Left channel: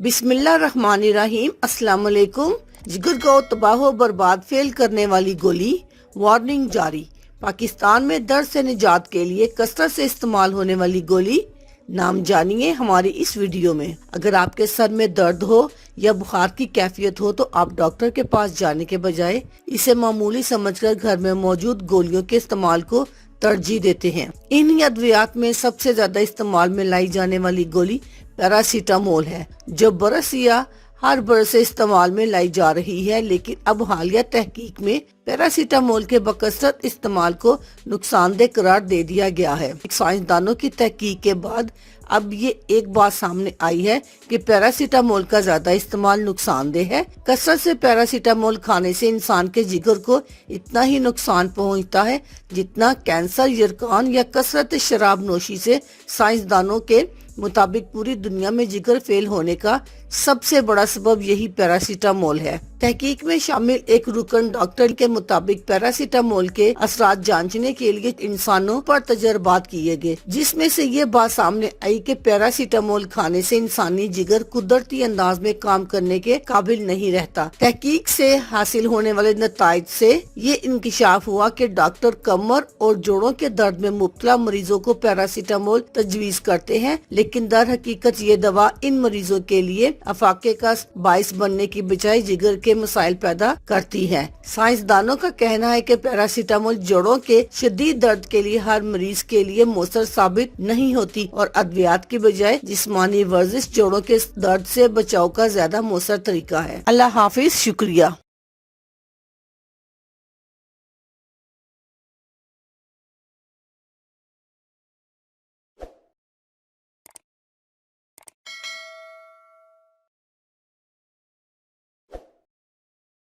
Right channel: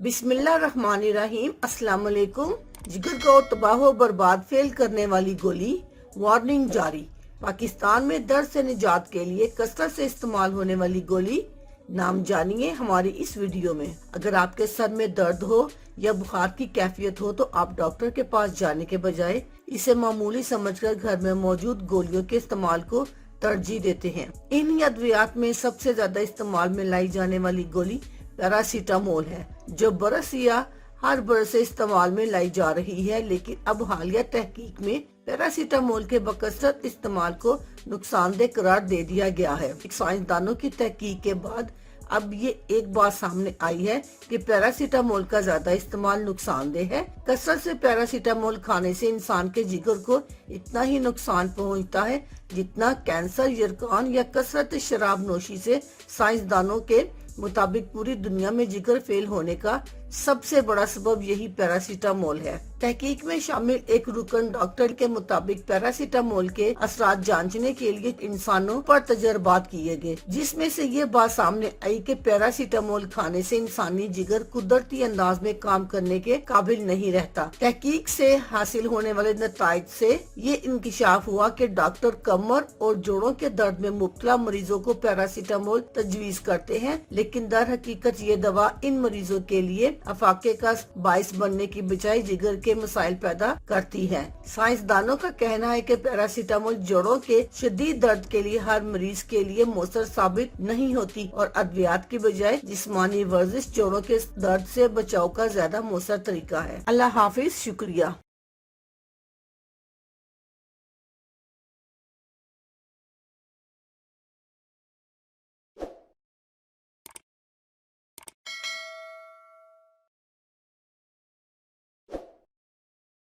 बिस्मिल्लाहिर्रहमानिर्रहीम। अस्सलाम वालेकुम। जिगर को तबाह व बर्बाद फेल करने वाली गोली, वार्निंग जारी। पाकिस्तान में दर्द से निजात के लिए कसरत से इस्तेमाल होने वाली गोली, नाम जानिए हमारी इस वीडियो में। अगर आपके सर में दर्द हो या बुखार की कैफियत हो तो आप डॉक्टर के पास जाने के बजाय इसे मामूली समझकर घर में मौजूद गोलियों के इस्तेमाल को तरजीह देते हैं। इन अद्वियात में सबसे ज्यादा इस्तेमाल में लाई जाने वाली गोली पैरासीटामोल है, जो बरस या हर बरस से इस्तेमाल में लाई जा रही है। लेकिन अब हालिया तहकीक में पैरासीटामोल के बकसरत इस्तेमाल को नुकसानदेह करार दे दिया गया है। साइंसदानों की तहकीक के बाद अब ये एक बात सामने आई है कि पैरासीटामोल का ज्यादा इस्तेमाल नुकसानदेह है। कसरत से पैरासीटामोल खाने से इंसान के जिगर को इतना ही नुकसान पहुंचता है जितना कैंसर, यरकान या कसरत शराब नोशी से। साइंसदानों के मुताबिक पूरी दुनिया में जिगर फेल होने का सबसे बड़ा सबब यही पैरासीटामोल है। तहकीक में शामिल एक रुकन डॉक्टर के मुताबिक पैरासीटामोल के असरात जांचने के लिए इंसानों पर तजर्बात किए गए, जिसमें से ये बात सामने आई कि पैरासीटामोल खाने से इंसानी जिगर कुदरती अंदाज में काम करने के काबिल नहीं रहता। तहकीक से हासिल होने वाले नताइज से ये इंकिशाफ हुआ कि डॉक्टर कमर और जोड़ों के दर्द में मुब्तला मरीजों को पैरासीटामोल तजवीज करते हैं, लेकिन दर हकीकत ये दवा इन मरीजों के लिए अफाके का बाइस बनने की बजाय जिगर के मसाइल पैदा करती है। साइंसदानों का कहना है कि पैरासीटामोल जोड़ों के शदीद दर्द के लिए हर मरीज के लिए मौसर साबित नहीं होती और अद्वियात की बजाय जिस्मानी वर्जिश जोड़ों के दर्द से बचाव का ज्यादा मौसर तरीका है। अल्लाह हाफिज, शुक्रिया।